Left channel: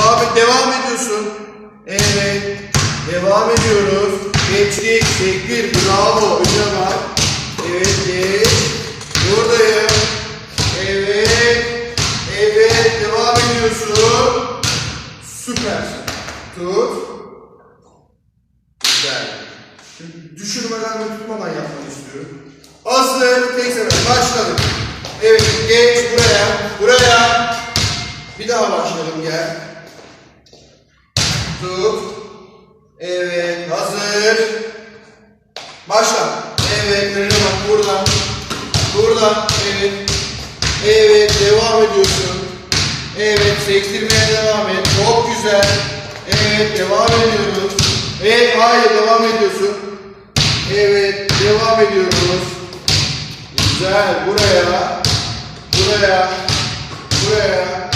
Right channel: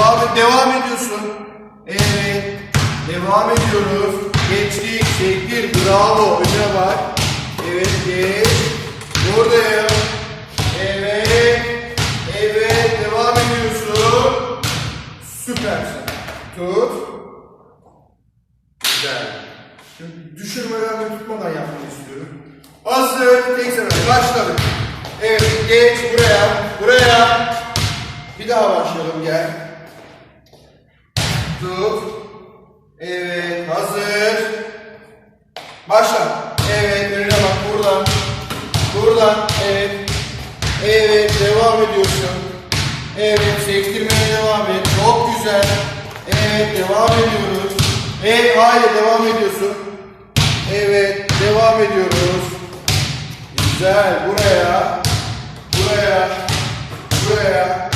Devam devam ediyorsun. Evet. Devam ediyoruz. Geçtik, çektir. Bravo. Önce bak. Evet, geç. Buradayım. Evet. Evet. Devam ediyorsun. Süpersin. Tut. Güzel. Şimdi düşürmeden ve tutmadan yapmanı istiyorum. Hazır. Tek sefer. Başladık. Evet. Geç buraya. Buraya. Bir daha başlayalım. Gel. Tut. Evet. Hazır. Başla. Evet. Önüne bak. Buradan. Buradan. Evet. Evet. Devam ediyorsun. Evet. Sektirmeye devam et. Çok güzel. Evet. Devam ediyoruz. Evet. Hayır. Devam ediyorsun. Evet. Devam ediyoruz. Güzel. Buraya. Buraya. Buraya.